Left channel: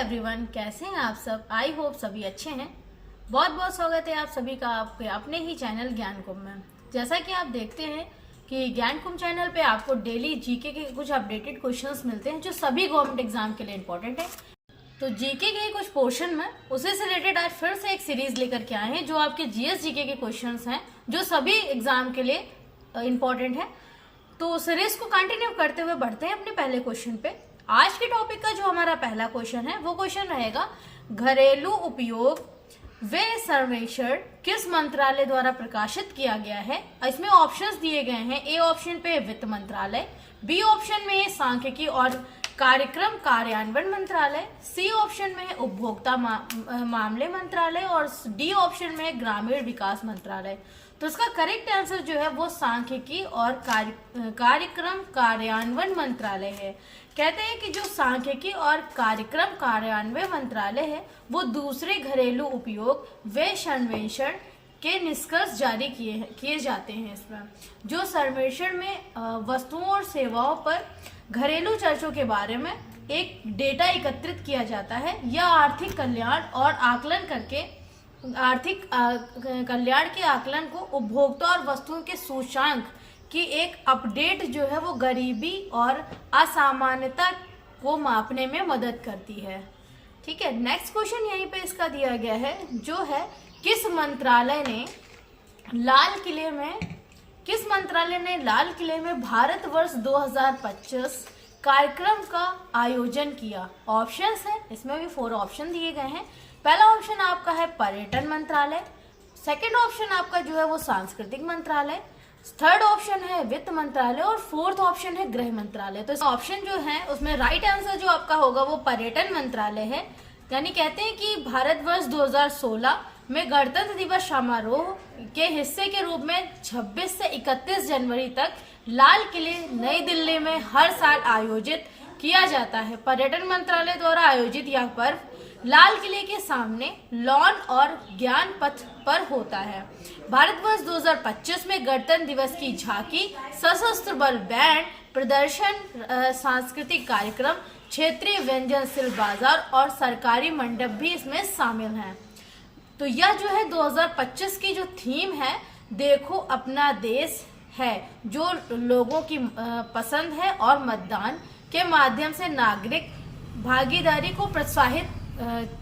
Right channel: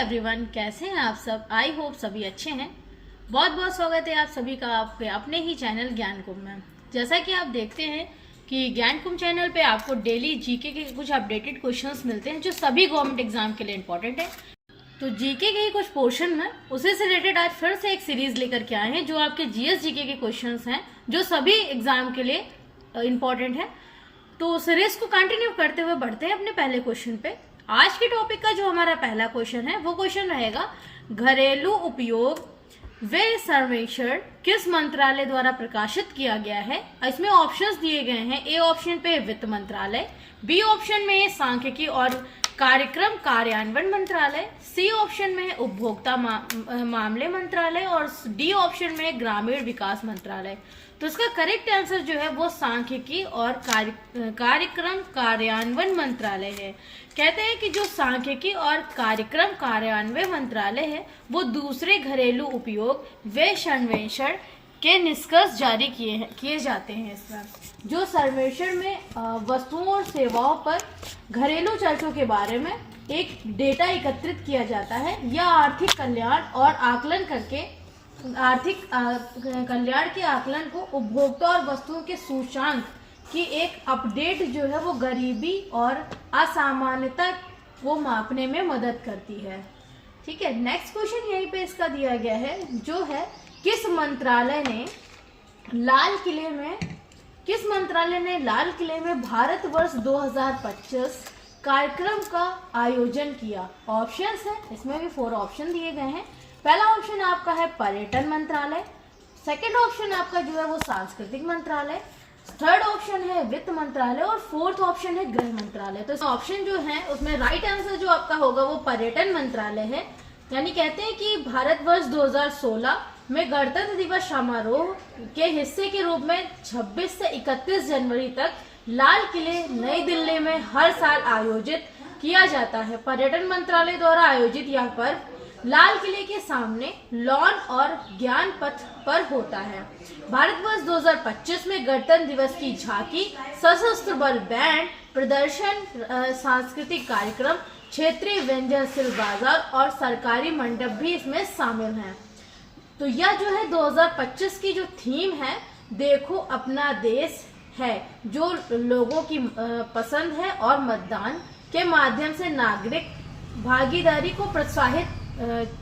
Everyone, कैसे हैं आप सब। आई होप सभी अच्छे हैं। बहुत बहुत स्वागत है आप सभी का आपके अपने ही चैनल ज्ञान कुंभ में। जैसा कि आप देखते हैं कि ज्ञान कुंभ चैनल पे आपको डेली जीके के कुछ अपडेटेड क्वेश्चंस मिलते हैं जो सभी गवर्नमेंट एग्जाम के लिए इम्पोर्टेंट है। तो जीके के कुछ पोर्शन में उसी से रिलेटेड आज फिर से एक सीरीज लेकर के आए हैं जो आपके जीएस जीके के क्वेश्चंस हैं जो सभी एग्जाम के लिए इम्पोर्टेंट है। तो सीरीज को कंटिन्यू करते हुए बढ़ते हैं अपने पहले क्वेश्चन पे। आज के टॉपिक का जो हमारा पहला क्वेश्चन है वो क्वेश्चन रहेगा, घरेलू उपयोग व्यय सर्वेक्षण किस मंत्रालय द्वारा प्रकाशित किया गया है। इसमें ऑप्शंस दिए गए हैं। ए ऑप्शन पे वित्त मंत्रालय, बी ऑप्शन में सांख्यिकी और कार्यक्रम कार्यान्वयन मंत्रालय, सी ऑप्शन में उपभोक्ता मामले मंत्रालय और डी ऑप्शन में ग्रामीण विकास मंत्रालय। तो इसका करेक्ट आंसर जो है वो सांख्यिकी और कार्यक्रम कार्यान्वयन मंत्रालय है। कहते हैं कि जो सांख्यिकी और कार्यक्रम कार्यान्वयन मंत्रालय है वो दूसरे घरेलू उपयोग व्यय सर्वेक्षण के निष्कर्ष जारी किए जाते हैं। इसमें जो सर्वेक्षण में वस्तुओं और सेवाओं पर घरेलू खर्चों के बारे में एक डेटा एकत्रित किया जाता है या आर्थिक कल्याण और आकलन करके आर्थिक कल्याण के आकलन को उपभोक्ता और वस्तुओं के सूचांक की एक अपडेट जो है वो गरीबी और असामान्यता को मापने में मदद करती है। ठीक है, नेक्स्ट क्वेश्चन यहीं पे इसका दिया गया है जो है, किस मंत्रालय ने लाल किले में भारत वर्ष 2025 कार्यक्रम का आयोजन किया। ऑप्शंस हैं, इसमें भी 4 ऑप्शन दिए गए हैं। पहला ऑप्शन आपका है पर्यटन मंत्रालय, सेकंड ऑप्शन आपका जो है वो सांस्कृतिक मंत्रालय, थर्ड ऑप्शन है वित्त मंत्रालय और फोर्थ ऑप्शन है गृह मंत्रालय। तो ऑप्शन जो है उसमें राइट आंसर जो आपका होगा वो पर्यटन मंत्रालय है। यानी कहते हैं कि भारतवर्ष 2016 में गणतंत्र दिवस समारोह के हिस्से के रूप में 26 से 31 जनवरी तक लाल किले नई दिल्ली में हर साल आयोजित किया जाता है। पर्यटन मंत्रालय द्वारा आयोजित यह पर्व लाल किले के सामने लॉन और ज्ञान पथ पर होता है। भारतवर्ष 2025 में गणतंत्र दिवस की झांकी, सशस्त्र बल बैंड प्रदर्शन, सांस्कृतिक कार्यक्रम, क्षेत्रीय व्यंजन, सिल्क बाजार और सरकारी मंडप भी इसमें शामिल हैं। तो यह जो है 2025 की जो थीम है, देखो अपना देश है, जो लोगों की पसंद है और मतदान के माध्यम से नागरिक भागीदारी को प्रोत्साहित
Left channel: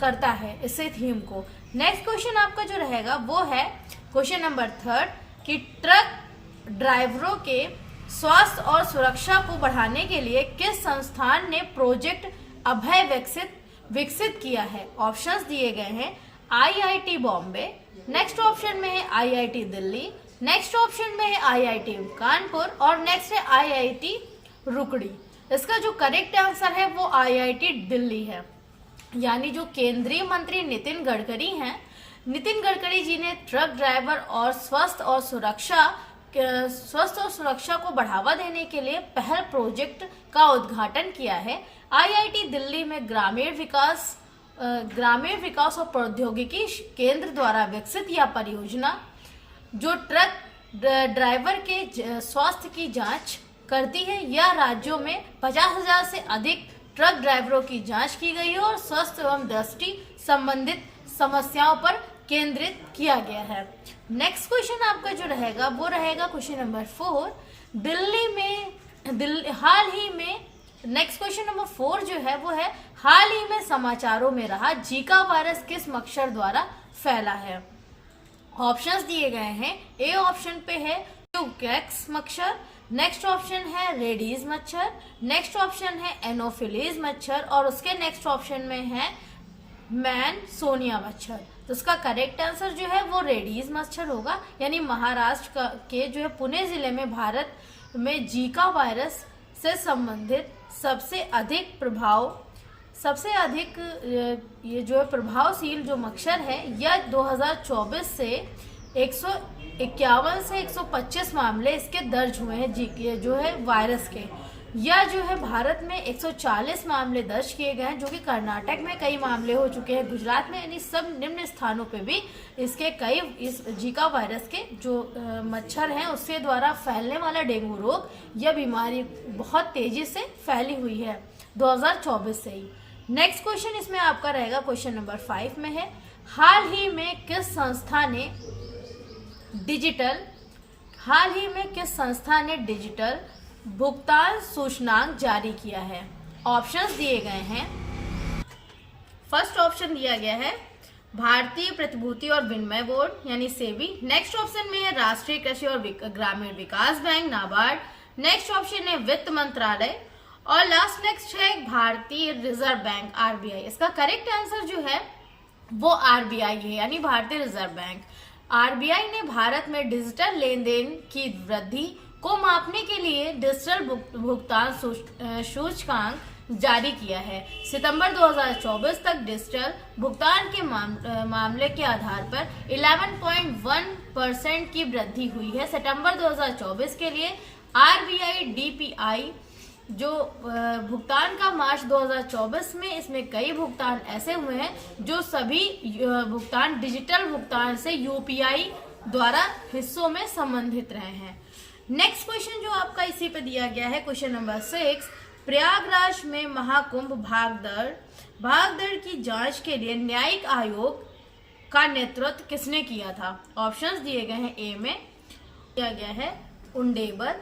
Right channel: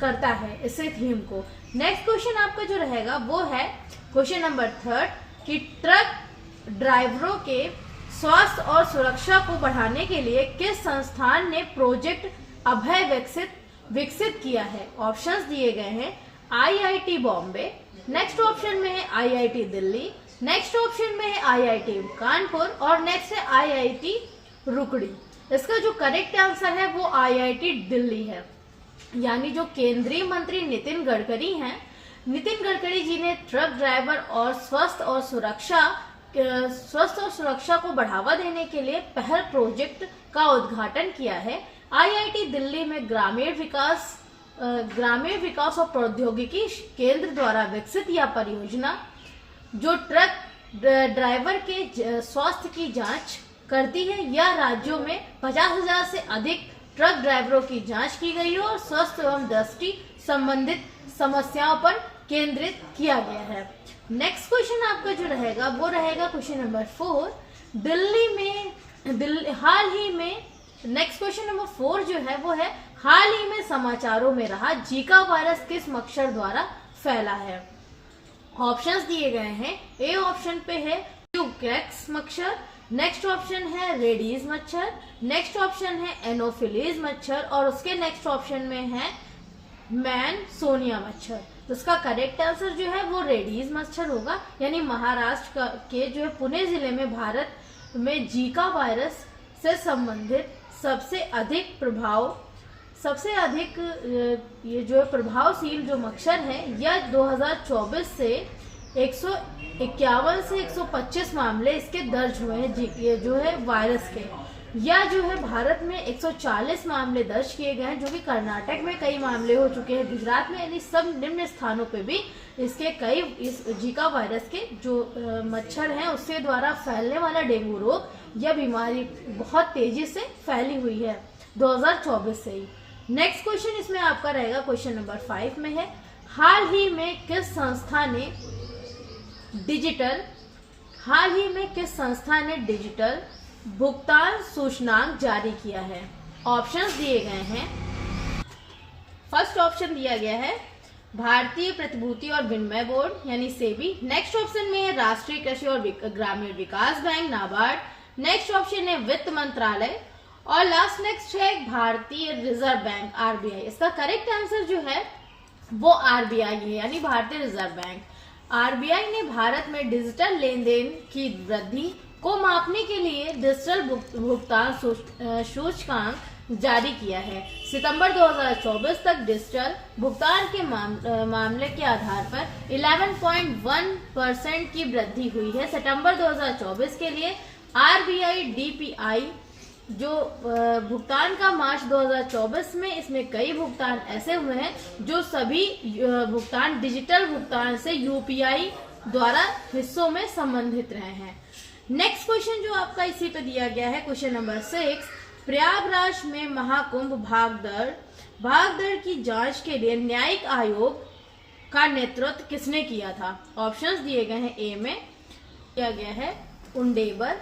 करता है इसे थीम को। नेक्स्ट क्वेश्चन आपका जो रहेगा वो है क्वेश्चन नंबर 3 कि ट्रक ड्राइवरों के स्वास्थ्य और सुरक्षा को बढ़ाने के लिए किस संस्थान ने प्रोजेक्ट अभय विकसित किया है। ऑप्शंस दिए गए हैं, आईआईटी बॉम्बे, नेक्स्ट ऑप्शन में है आईआईटी दिल्ली, नेक्स्ट ऑप्शन में है आईआईटी कानपुर और नेक्स्ट है आईआईटी रुकड़ी। इसका जो करेक्ट आंसर है वो आईआईटी दिल्ली है। यानी जो केंद्रीय मंत्री नितिन गडकरी जी ने ट्रक ड्राइवर और स्वास्थ्य और सुरक्षा को बढ़ावा देने के लिए पहल प्रोजेक्ट का उद्घाटन किया है। आईआईटी दिल्ली में ग्रामीण विकास और प्रौद्योगिकी केंद्र द्वारा विकसित यह परियोजना जो ट्रक ड्राइवर के स्वास्थ्य की जांच करती है, या राज्यों में 50,000 से अधिक ट्रक ड्राइवरों की जांच की गई है और स्वास्थ्य एवं दृष्टि संबंधित समस्याओं पर केंद्रित किया गया है। नेक्स्ट क्वेश्चन आपका जो रहेगा वो रहेगा क्वेश्चन नंबर 4, हाल ही में नेक्स्ट क्वेश्चन नंबर 4 जो है वो है, हाल ही में समाचारों में रहा जीका वायरस किस मच्छर द्वारा फैला है। ऑप्शंस दिए गए हैं। ए ऑप्शन पे है ट्यूकैक्स मच्छर, नेक्स्ट ऑप्शन है रेडीज मच्छर, नेक्स्ट ऑप्शन है एनोफिलीज मच्छर और उसके नेक्स्ट ऑप्शन में है मैनसोनिया मच्छर। तो इसका करेक्ट आंसर जो है वो रेडीज मच्छर होगा। यानी महाराष्ट्र के जो है पुणे जिले में भारत में जीका वायरस से संबंधित सबसे अधिक ये जो है प्रभावशील जो मच्छर है, यह 2024 से 151 से 125 मामले इसके दर्ज हुए हैं जो है वायरस के। यह जो है भारत में 140 मामले दर्ज किए गए हैं, जो कि कर्नाटक में कई मामले हो चुके हैं, गुजरात में, यानी सब निम्न स्थानों पे भी इसके कई इस जीका वायरस के जो मच्छर हैं उसके द्वारा फैलने वाला डेंगू रोग, यह बीमारी बहुत तेजी से फैली हुई है 2024 से ही। नेक्स्ट क्वेश्चन इसमें आपका रहेगा क्वेश्चन नंबर 5 में है, हाल ही में किस संस्था ने डिजिटल भुगतान सूचनांक जारी किया है? ऑप्शंस दिए गए हैं। फर्स्ट ऑप्शन दिया गया है भारतीय प्रतिभूति और विनिमय बोर्ड यानी सेबी। नेक्स्ट ऑप्शन में है राष्ट्रीय कृषि और ग्रामीण विकास बैंक नाबार्ड। नेक्स्ट ऑप्शन है वित्त मंत्रालय और नेक्स्ट है भारतीय रिजर्व बैंक आरबीआई। इसका करेक्ट आंसर जो है वो आरबीआई है यानी भारतीय रिजर्व बैंक। आरबीआई ने भारत में डिजिटल लेन देन की वृद्धि को मापने के लिए डिजिटल भुगतान सूचकांक जारी किया है। सितंबर 2024 तक डिजिटल भुगतान के मामले के आधार पर 11.1% की वृद्धि हुई है। सितंबर 2024 के लिए आरबीआई डीपीआई जो भुगतान का मार्च 2024 में, इसमें कई भुगतान ऐसे हुए हैं जो सभी भुगतान डिजिटल भुगतान से यूपीआई द्वारा हिस्सों में संबंधित रहे हैं। नेक्स्ट क्वेश्चन जो आपका इसी पे दिया गया है क्वेश्चन नंबर 6, प्रयागराज में महाकुंभ भागदड़ की जांच के लिए न्यायिक आयोग का नेतृत्व किसने किया था? ऑप्शंस दिए गए हैं। ए में दिया गया है उंडेबर,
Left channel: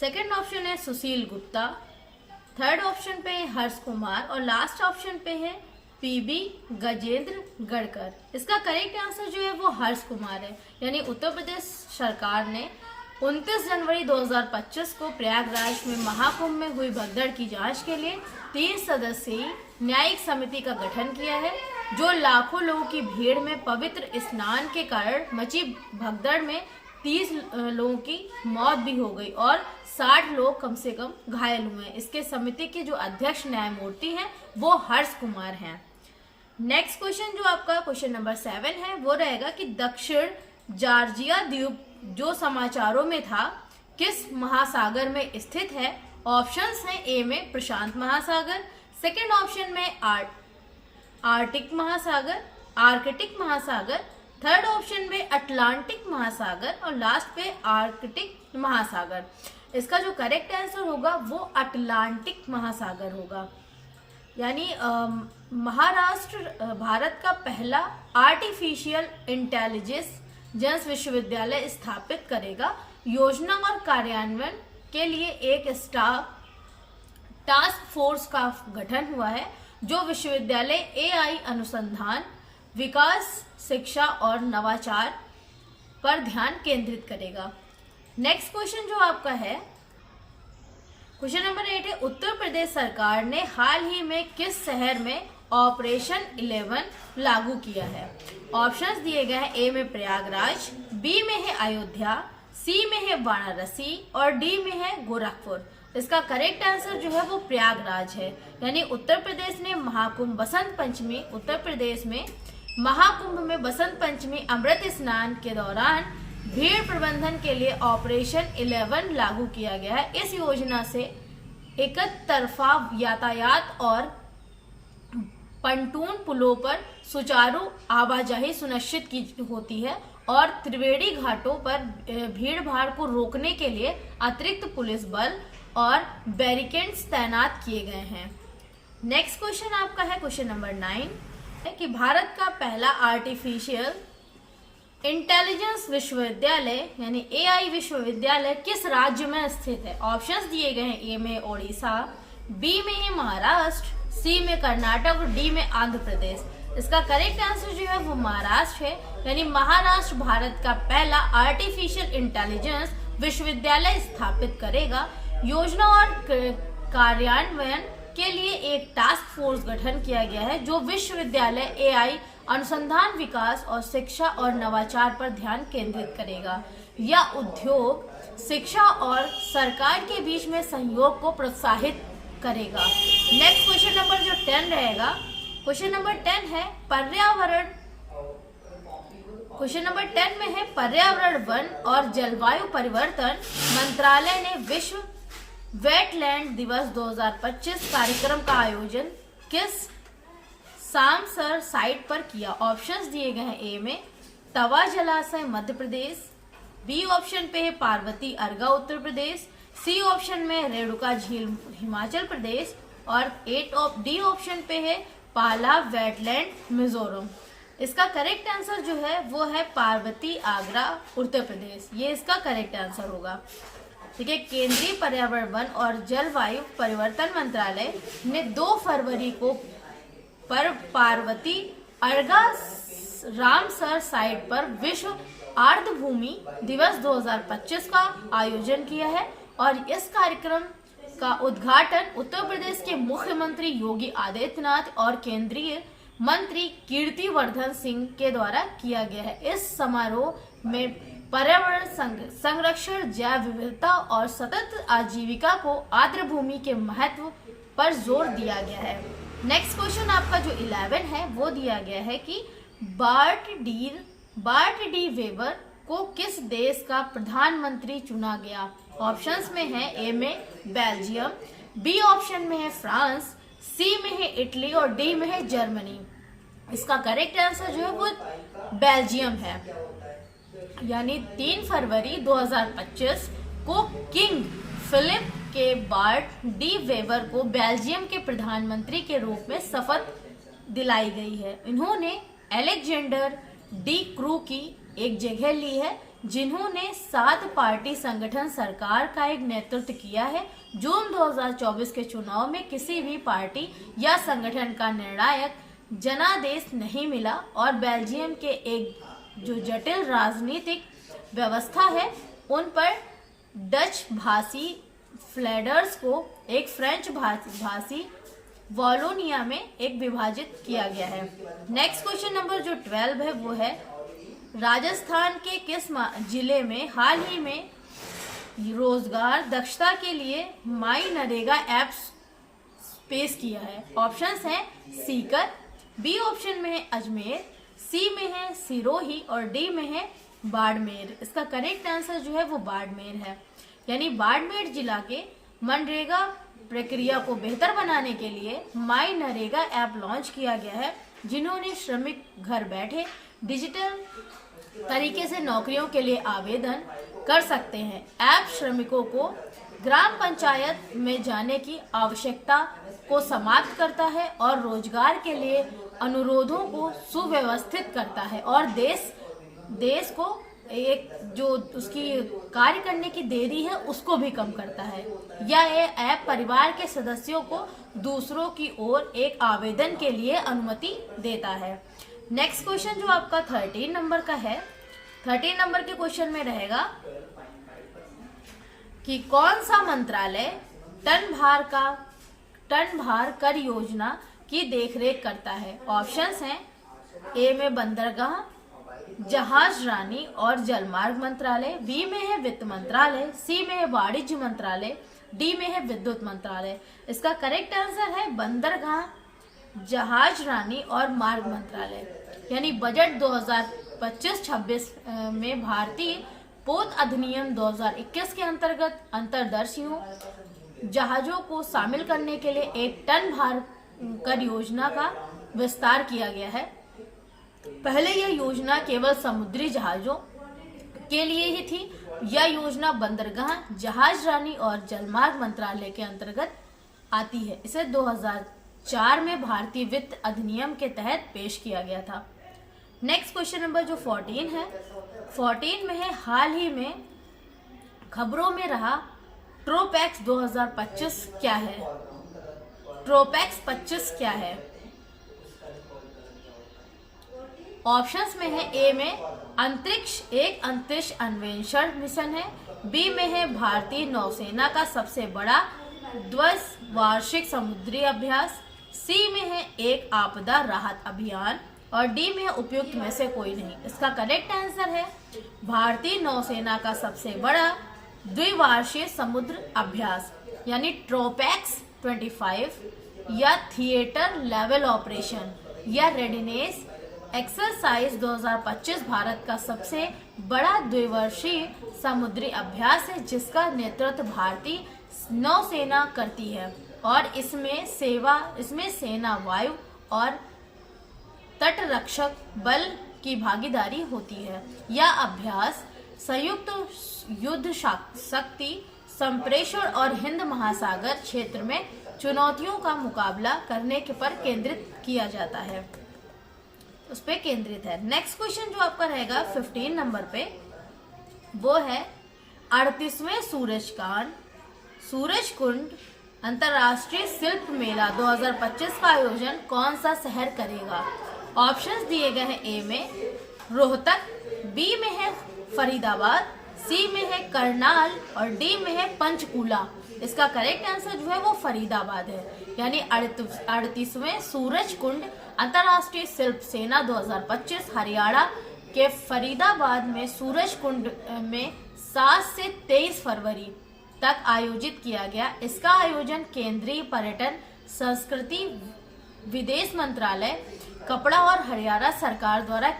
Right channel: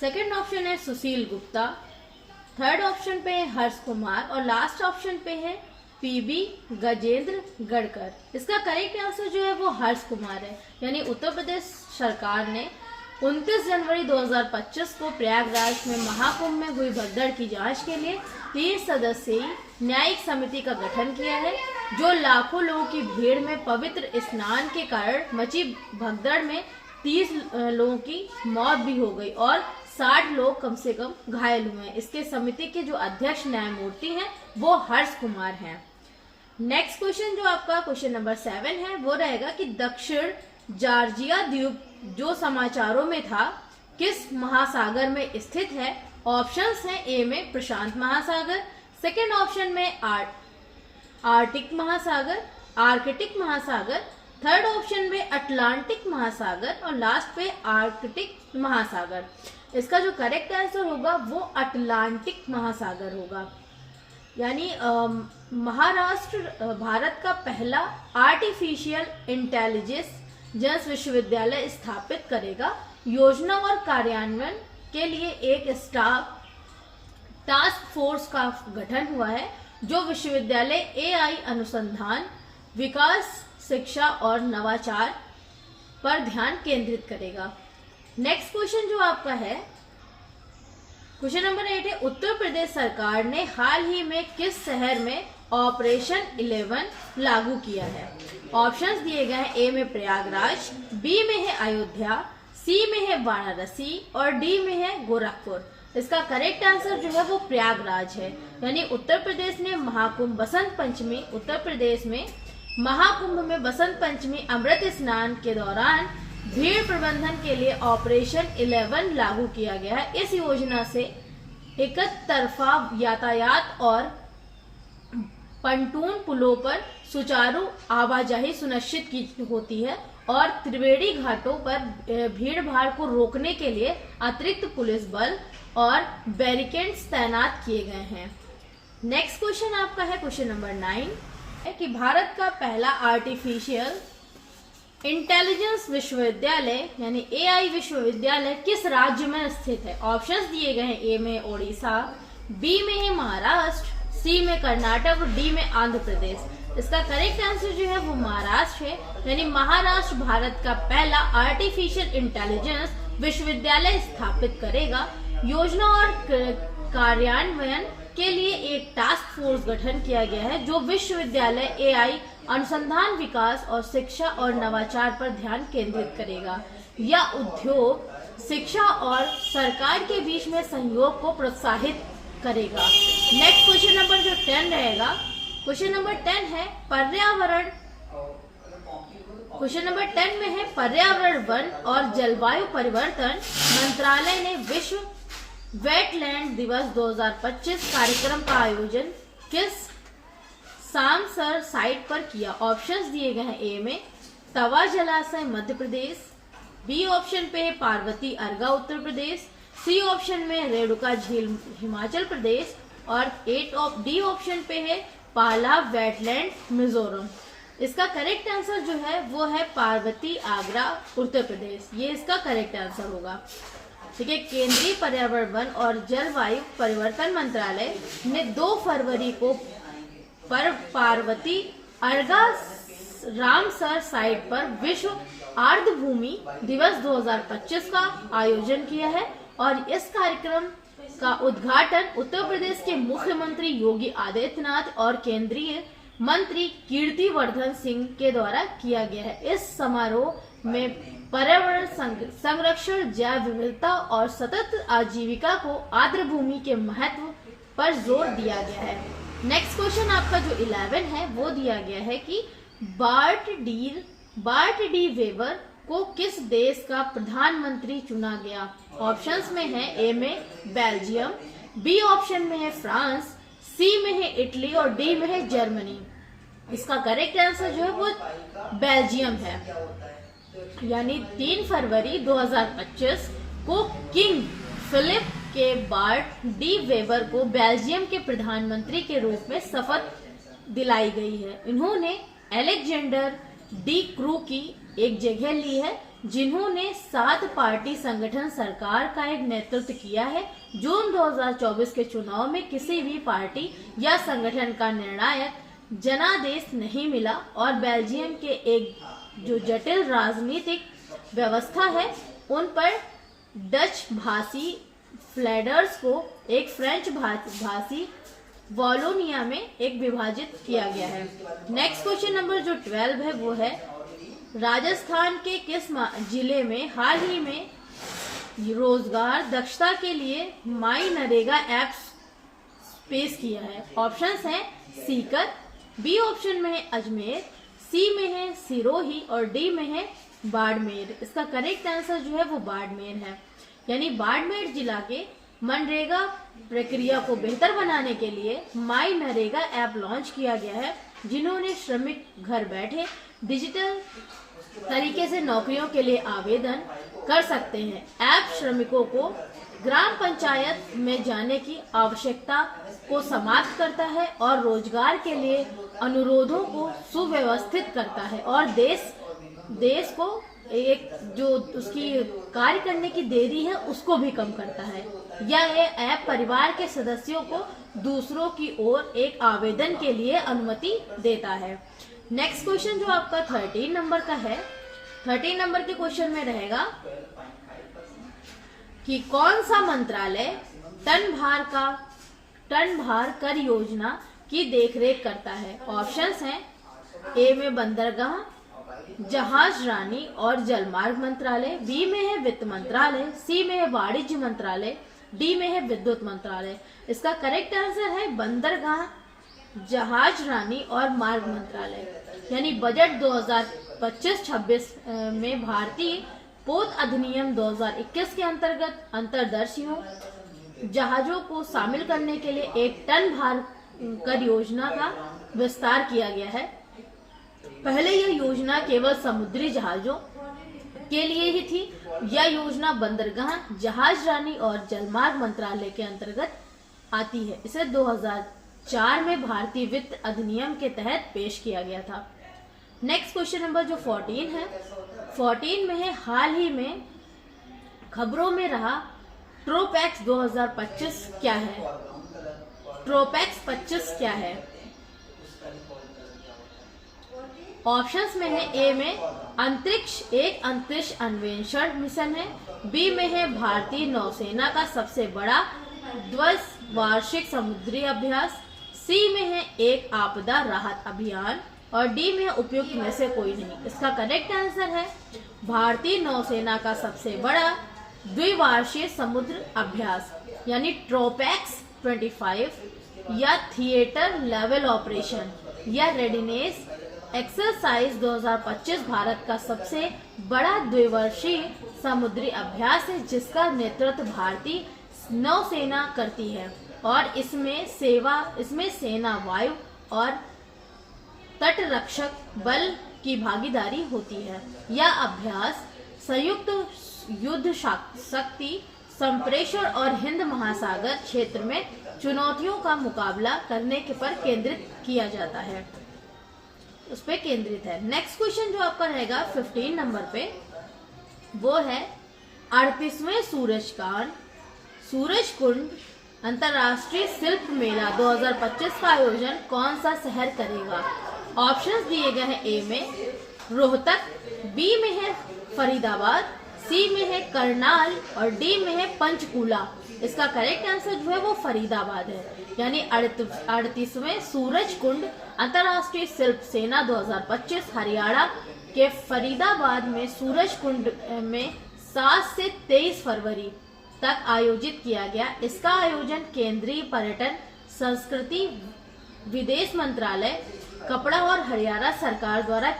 सेकंड ऑप्शन है सुशील गुप्ता, थर्ड ऑप्शन पे है हर्ष कुमार और लास्ट ऑप्शन पे है पीबी गजेंद्र गढ़कर। इसका करेक्ट आंसर जो है वो हर्ष कुमार है यानी उत्तर प्रदेश सरकार ने 29 जनवरी 2025 को प्रयागराज में महाकुंभ में हुई भगदड़ की जांच के लिए 30 सदस्यीय न्यायिक समिति का गठन किया है, जो लाखों लोगों की भीड़ में पवित्र स्नान के कारण मची भगदड़ में 30 लोगों की मौत भी हो गई और 60 लोग कम से कम घायल हुए हैं। इसके समिति के जो अध्यक्ष न्यायमूर्ति हैं वो हर्ष कुमार हैं। नेक्स्ट क्वेश्चन जो आपका क्वेश्चन नंबर 7 है वो रहेगा कि दक्षिण जॉर्जिया द्वीप जो समाचारों में था किस महासागर में स्थित है? ऑप्शंस हैं। ए में प्रशांत महासागर, सेकंड ऑप्शन में आर्कटिक महासागर, थर्ड ऑप्शन में अटलांटिक महासागर और लास्ट पे आर्कटिक महासागर। इसका जो करेक्ट आंसर होगा वो अटलांटिक महासागर होगा यानी महाराष्ट्र भारत का पहला आर्टिफिशियल इंटेलिजेंस विश्वविद्यालय स्थापित करेगा। योजना और कार्यान्वयन के लिए एक टास्क फोर्स का गठन हुआ है जो विश्वविद्यालय एआई अनुसंधान, विकास, शिक्षा और नवाचार पर ध्यान केंद्रित करेगा। नेक्स्ट क्वेश्चन जो आपका है क्वेश्चन नंबर 8 है, उत्तर प्रदेश सरकार ने हाल ही में किस शहर में ऑपरेशन 11 लागू किया है? ऑप्शंस दिए गए हैं। ए में प्रयागराज, बी में है अयोध्या, सी में है वाराणसी और डी में है गोरखपुर। इसका करेक्ट आंसर जो है वो प्रयागराज है यानी उत्तर प्रदेश ने महाकुंभ बसंत पंचमी उत्तर प्रदेश में महाकुंभ में बसंत पंचमी अमृत स्नान के दौरान भीड़ प्रबंधन के लिए ऑपरेशन 11 लागू किया गया है। इस योजना से एक तरफा यातायात और पंटून पुलों पर सुचारू आवाजाही सुनिश्चित की होती है और त्रिवेणी घाटों पर भीड़ भाड़ को रोकने के लिए अतिरिक्त पुलिस बल और बैरिकेड्स तैनात किए गए हैं। नेक्स्ट क्वेश्चन आपका है क्वेश्चन नंबर 9 है कि भारत का पहला आर्टिफिशियल इंटेलिजेंस विश्वविद्यालय यानी एआई विश्वविद्यालय किस राज्य में स्थित है? ऑप्शंस दिए गए हैं। ए में ओडिशा, बी में है महाराष्ट्र, सी में कर्नाटक और डी में आंध्र प्रदेश। इसका करेक्ट आंसर जो है वो महाराष्ट्र है यानी महाराष्ट्र भारत का पहला आर्टिफिशियल इंटेलिजेंस विश्वविद्यालय स्थापित करेगा। योजना और कार्यान्वयन के लिए एक टास्क फोर्स गठन किया गया है जो विश्वविद्यालय एआई अनुसंधान, विकास और शिक्षा और नवाचार पर ध्यान केंद्रित करेगा। यह उद्योग, शिक्षा और सरकार के बीच में सहयोग को प्रोत्साहित करेगा। नेक्स्ट क्वेश्चन नंबर जो 10 रहेगा क्वेश्चन नंबर 10 है पर्यावरण। क्वेश्चन नंबर 10 में है पर्यावरण, वन और जलवायु परिवर्तन मंत्रालय ने विश्व वेटलैंड दिवस 2025 कार्यक्रम का आयोजन किस सामसर साइट पर किया? ऑप्शंस दिए गए हैं। ए में तवा जलाशय मध्य प्रदेश, बी ऑप्शन पे है पार्वती अर्गा उत्तर प्रदेश, सी ऑप्शन में रेणुका झील हिमाचल प्रदेश और डी ऑप्शन पे है पाला वेटलैंड मिजोरम। इसका करेक्ट आंसर जो है वो है पार्वती आगरा उत्तर प्रदेश, ये इसका करेक्ट आंसर होगा। ठीक है, केंद्रीय पर्यावरण वन और जलवायु परिवर्तन मंत्रालय ने 2 फरवरी को पार्वती अर्गा रामसर साइट पर विश्व आर्द्रभूमि दिवस 2025 का आयोजन किया है और इस कार्यक्रम का उद्घाटन उत्तर प्रदेश के मुख्यमंत्री योगी आदित्यनाथ और केंद्रीय मंत्री कीर्तिवर्धन सिंह के द्वारा किया गया है। इस समारोह में पर्यावरण संरक्षण, जैव विविधता और सतत आजीविका को आर्द्रभूमि के महत्व पर जोर दिया गया है। नेक्स्ट क्वेश्चन आपका जो 11 है वो दिया गया है कि बार्ट डी वेबर को किस देश का प्रधानमंत्री चुना गया। ऑप्शंस में है ए में बेल्जियम, बी ऑप्शन में है फ्रांस, सी में है इटली और डी में है जर्मनी। इसका करेक्ट आंसर जो है वो बेल्जियम है। यानी 3 फरवरी 2025 को किंग फिलिप के बार्ट डी वेबर को बेल्जियम के प्रधानमंत्री के रूप में शपथ दिलाई गई है। इन्होंने अलेक्जेंडर डी क्रू की एक जगह ली है, जिन्होंने 7 पार्टी संगठन सरकार का एक नेतृत्व किया है। जून 2024 के चुनाव में किसी भी पार्टी या संगठन का निर्णायक जनादेश नहीं मिला और बेल्जियम के एक जो जटिल राजनीतिक व्यवस्था है उन पर डच भाषी फ्लैडर्स को एक फ्रेंच भाषी वॉलोनिया में एक विभाजित किया गया है। नेक्स्ट क्वेश्चन नंबर जो 12 है वो है राजस्थान के किस जिले में हाल ही में रोजगार दक्षता के लिए माई नरेगा ऐप पेश किया है। ऑप्शंस हैं सीकर, बी ऑप्शन में है अजमेर, सी में है सिरोही और डी में है बाड़मेर। इसका करेक्ट आंसर जो है वो बाड़मेर है। यानी बाड़मेर जिला के मनरेगा प्रक्रिया को बेहतर बनाने के लिए माई नरेगा ऐप लॉन्च किया गया है, जिन्होंने श्रमिक घर बैठे डिजिटल तरीके से नौकरियों के लिए आवेदन कर सकते हैं। ऐप श्रमिकों को ग्राम पंचायत में जाने की आवश्यकता को समाप्त करता है और रोजगार के लिए अनुरोधों को सुव्यवस्थित करता है और देश को एक जो उसकी कार्य करने की देरी है उसको भी कम करता है। यह ऐप परिवार के सदस्यों को दूसरों की ओर एक आवेदन के लिए अनुमति देता है। नेक्स्ट क्वेश्चन जो आपका 13 नंबर का है, 13 नंबर के क्वेश्चन में रहेगा कि कौन सा मंत्रालय टन भार कर योजना की देखरेख करता है। ऑप्शंस हैं ए में बंदरगाह, जहाज रानी और जलमार्ग मंत्रालय, बी में है वित्त मंत्रालय, सी में है वाणिज्य मंत्रालय, डी में है विद्युत मंत्रालय। इसका करेक्ट आंसर है बंदरगाह, जहाज रानी और मार्ग मंत्रालय। यानी बजट 2025-26 में भारतीय पोत अधिनियम 2021 के अंतर्गत अंतर्देशीय जहाजों को शामिल करने के लिए एक टन भार कर योजना का विस्तार किया गया है। पहले यह योजना केवल समुद्री जहाजों के लिए ही थी। यह योजना बंदरगाह, जहाज रानी और जलमार्ग मंत्रालय के अंतर्गत आती है। इसे 2004 में भारतीय वित्त अधिनियम के तहत पेश किया गया था। नेक्स्ट क्वेश्चन नंबर जो 14 है, 14 में है हाल ही में खबरों में रहा ट्रोपैक्स 2025 क्या है। ट्रोपैक्स 25 क्या है। ऑप्शंस में है ए में एक अंतरिक्ष अन्वेषण मिशन है, बी में है भारतीय नौसेना का सबसे बड़ा द्विवार्षिक समुद्री अभ्यास, सी में है एक आपदा राहत अभियान और डी में है उपयुक्त में से कोई नहीं। इसका करेक्ट आंसर है भारतीय नौसेना का सबसे बड़ा द्विवार्षिक समुद्र अभ्यास यानी ट्रोपैक्स 25 या थिएटर लेवल ऑपरेशन या रेडीनेस एक्सरसाइज 2025 भारत का सबसे बड़ा द्विवर्षीय समुद्री अभ्यास है, जिसका नेतृत्व भारतीय नौसेना करती है और इसमें सेना, वायु और तटरक्षक बल की भागीदारी होती है। यह अभ्यास संयुक्त युद्ध शक्ति संप्रेषण और हिंद महासागर क्षेत्र में चुनौतियों का मुकाबला करने के पर केंद्रित किया जाता है, उस पे केंद्रित है। नेक्स्ट क्वेश्चन जो आपका रहेगा 15 नंबर पे, वो है 38वें सूरज कुंड अंतर्राष्ट्रीय शिल्प मेला 2025 का आयोजन कौन सा शहर करेगा? ऑप्शंस दिए गए हैं। ए में रोहतक, बी में है फरीदाबाद, सी में है करनाल और डी में है पंचकूला। इसका करेक्ट आंसर जो है वो फरीदाबाद है, यानी 38वें सूरज कुंड अंतर्राष्ट्रीय शिल्प सेना 2025 हरियाणा के फरीदाबाद में सूरज कुंड में 7 से 23 फरवरी तक आयोजित किया गया। इसका आयोजन केंद्रीय पर्यटन संस्कृति विदेश मंत्रालय कपड़ा और हरियाणा सरकार द्वारा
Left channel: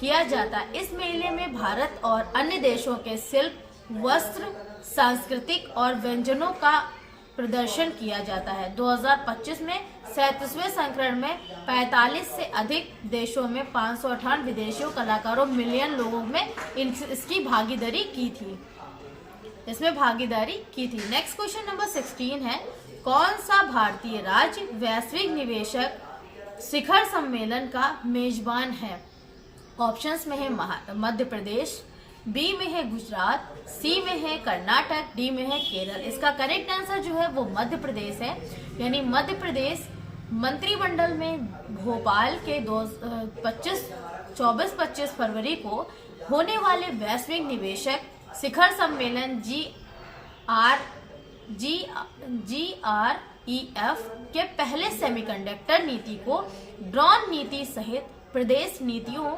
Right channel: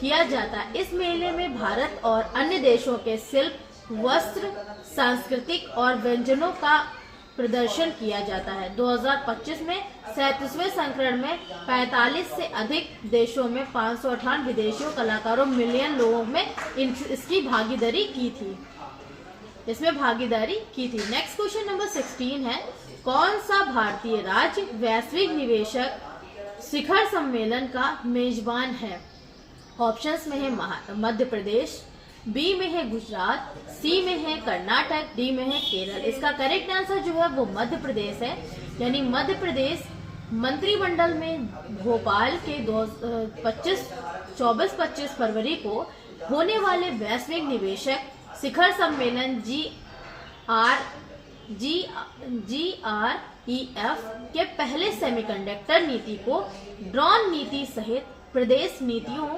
किया जाता है। इस मेले में भारत और अन्य देशों के शिल्प, वस्त्र, सांस्कृतिक और व्यंजनों का प्रदर्शन किया जाता है। 2025 में 37वें संस्करण में 45 से अधिक देशों में 558 विदेशी कलाकारों मिलियन लोगों में इसकी भागीदारी की थी, इसमें भागीदारी की थी। नेक्स्ट क्वेश्चन नंबर 16 है, कौन सा भारतीय राज्य वैश्विक निवेशक शिखर सम्मेलन का मेजबान है? ऑप्शंस में है मध्य प्रदेश, बी में है गुजरात, सी में है कर्नाटक, डी में है केरल। इसका करेक्ट आंसर जो है वो मध्य प्रदेश है, यानी मध्य प्रदेश मंत्रिमंडल में भोपाल के 24-25 फरवरी को होने वाले वैश्विक निवेशक शिखर सम्मेलन GREF के पहले सेमीकंडक्टर नीति को ड्रोन नीति सहित प्रदेश नीतियों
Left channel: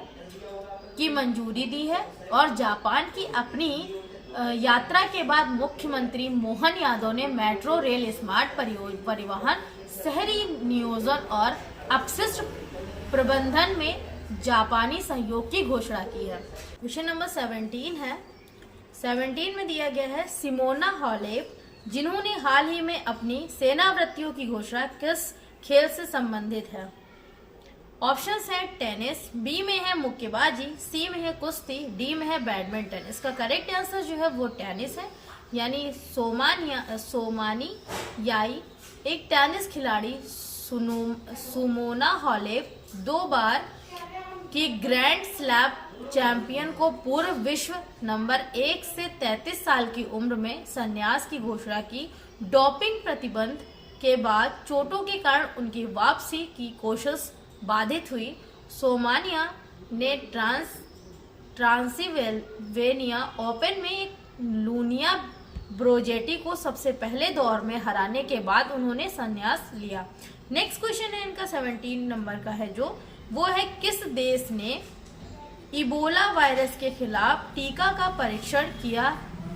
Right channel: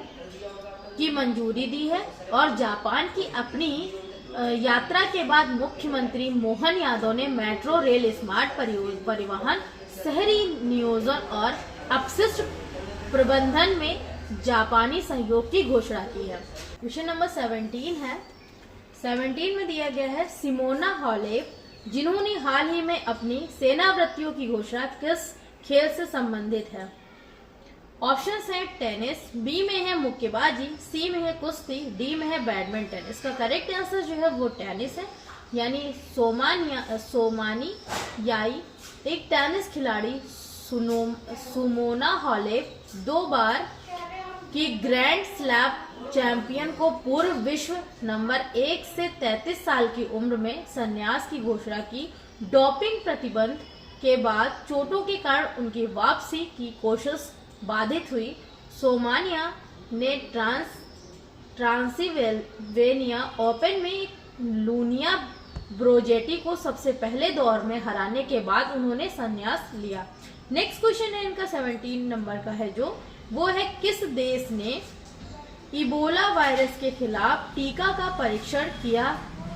की मंजूरी दी है और जापान की अपनी यात्रा के बाद मुख्यमंत्री मोहन यादव ने मेट्रो रेल, स्मार्ट परिवहन, शहरी नियोजन और अपशिष्ट प्रबंधन में जापानी सहयोग की घोषणा की है। क्वेश्चन नंबर 17 है। 17 में दिया गया है सिमोना हालेप जिन्होंने हाल ही में अपनी सेनावृत्तियों की घोषणा किस खेल से संबंधित है? ऑप्शंस है टेनिस, बी में है मुक्केबाजी, सी में है कुश्ती, डी में है बैडमिंटन। इसका करेक्ट आंसर जो है वो टेनिस है, यानी सोमानी याई एक टेनिस खिलाड़ी सिमोना हालेप 2 बार की ग्रैंड स्लैम चैंपियन को पूर्व विश्व नंबर 1 से 33 साल की उम्र में संन्यास की घोषणा की। डोपिंग प्रतिबंध के बाद चोटों के कारण उनकी वापसी की कोशिश बाधित हुई। सोमानिया ने ट्रांसिल्वेनिया ओपन में लूनिया ब्रोजेटी को सबसे पहले दौर में हराने के बाद उन्होंने संन्यास लिया। नेक्स्ट क्वेश्चन है इनका 17 नंबर का है, जो वो है किस देश ने इबोला वायरस के खिलाफ टीका का परीक्षण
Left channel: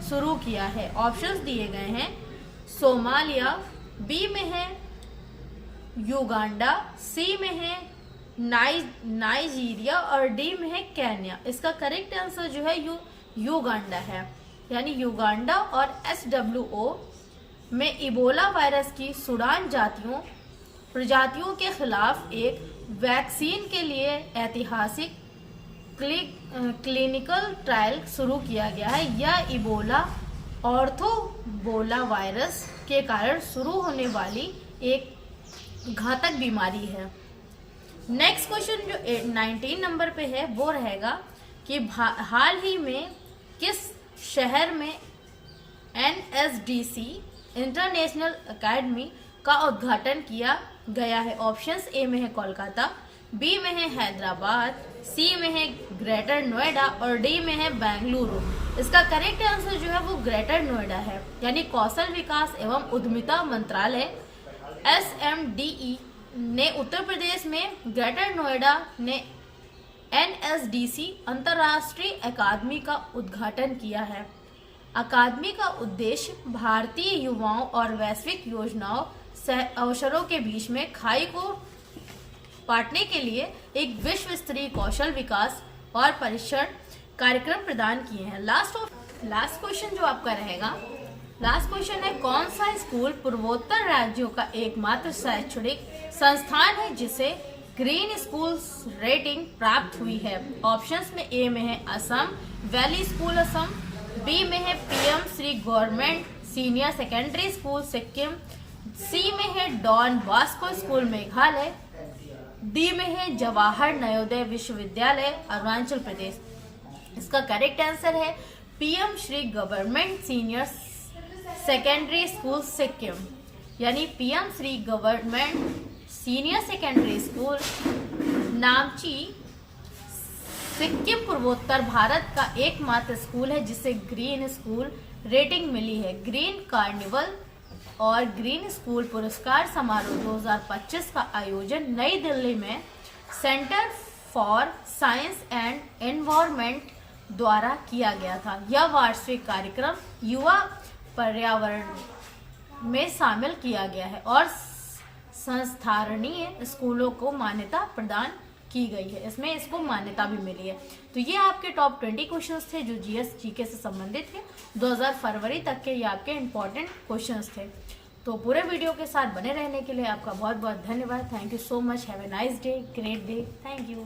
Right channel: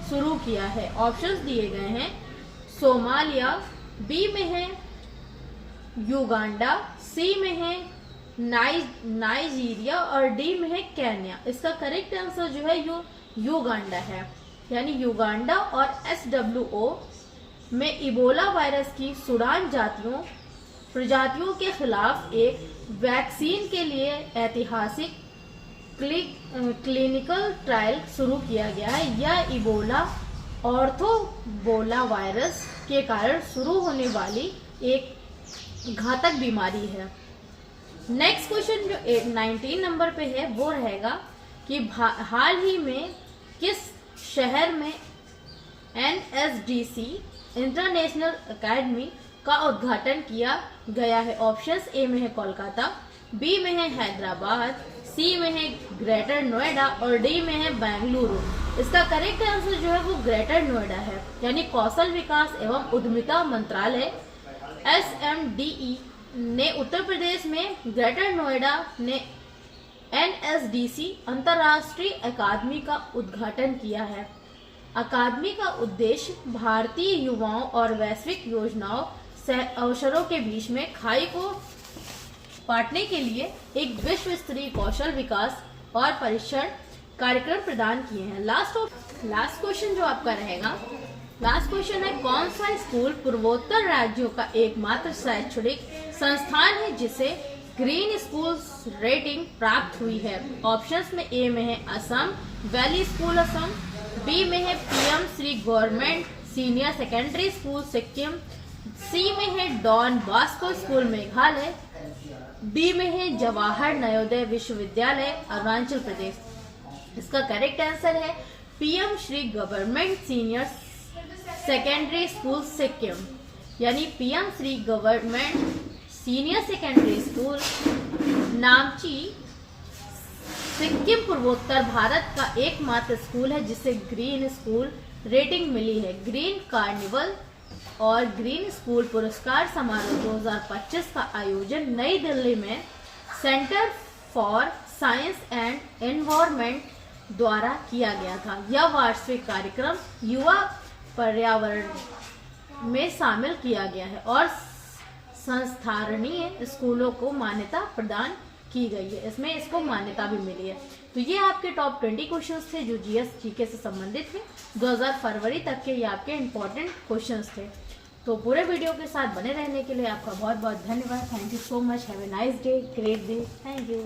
शुरू किया है? ऑप्शंस दिए गए हैं सोमालिया, बी में है युगांडा, सी में है नाइजीरिया और डी में है केन्या। इसका करेक्ट आंसर जो है युगांडा है, यानी युगांडा और SWO में इबोला वायरस की सूडान प्रजातियों के खिलाफ एक वैक्सीन के लिए ऐतिहासिक क्लिनिकल ट्रायल शुरू किया गया है। यह इबोला ऑर्थोबोला वायरस के कारण शुरू होने वाली एक घातक बीमारी है। नेक्स्ट क्वेश्चन जो 19 नंबर पे है वो रहेगा कि हाल ही में किस शहर में NSDC इंटरनेशनल एकेडमी का उद्घाटन किया गया है? ऑप्शंस ए में है कोलकाता, बी में है हैदराबाद, सी में है ग्रेटर नोएडा और डी में है बेंगलुरु। इसका करेक्ट आंसर जो है वो ग्रेटर नोएडा है, यानी कौशल विकास एवं उद्यमिता मंत्रालय SMDE ने उत्तर प्रदेश में ग्रेटर नोएडा ने NSDC अंतर्राष्ट्रीय अकादमी का उद्घाटन किया है। अकादमी का उद्देश्य भारतीय युवाओं और वैश्विक योजनाओं अवसरों के बीच में खाई को पाटने के लिए एक विश्व स्तरीय कौशल विकास और प्रशिक्षण कार्यक्रम प्रदान किए हैं। लास्ट क्वेश्चन जो आपका रहेगा, लास्ट क्वेश्चन है कौन सा स्कूल पूर्वोत्तर राज्यों का एकमात्र शैक्षणिक संस्थान है जिसे ग्रीन स्कूल रेटिंग प्राप्त हुई है? ऑप्शंस में ए में है Assam valley school Assam, B में है PM Shri government senior secondary school Sikkim, C में है Don Bosco school Meghalaya, D में है जवाहर नवोदय विश्वविद्यालय अरुणाचल प्रदेश। इसका करेक्ट आंसर है PM Shri government senior secondary school Sikkim, यानी PM Shri government senior secondary school Namchi Sikkim पूर्वोत्तर भारत का एकमात्र स्कूल है जिसे ग्रीन स्कूल रेटिंग मिली है। ग्रीन कार्निवल और ग्रीन स्कूल पुरस्कार समारोह 2025 का आयोजन नई दिल्ली में centre for science and environment द्वारा किया गया था। यह वार्षिक कार्यक्रम युवा पर्यावरण में शामिल किया गया है और संस्थारणीय स्कूलों को मान्यता प्रदान की गई है। इसमें इसको मान्यता भी मिली है। तो ये आपके टॉप 20 क्वेश्चंस थे जो जीएस जीके से संबंधित थे। 2000 फरवरी तक के ये आपके इम्पोर्टेंट क्वेश्चंस थे। तो पूरे वीडियो के साथ बने रहने के लिए आपका बहुत बहुत धन्यवाद। Thank you so much. Have a nice day, great day. Thank you.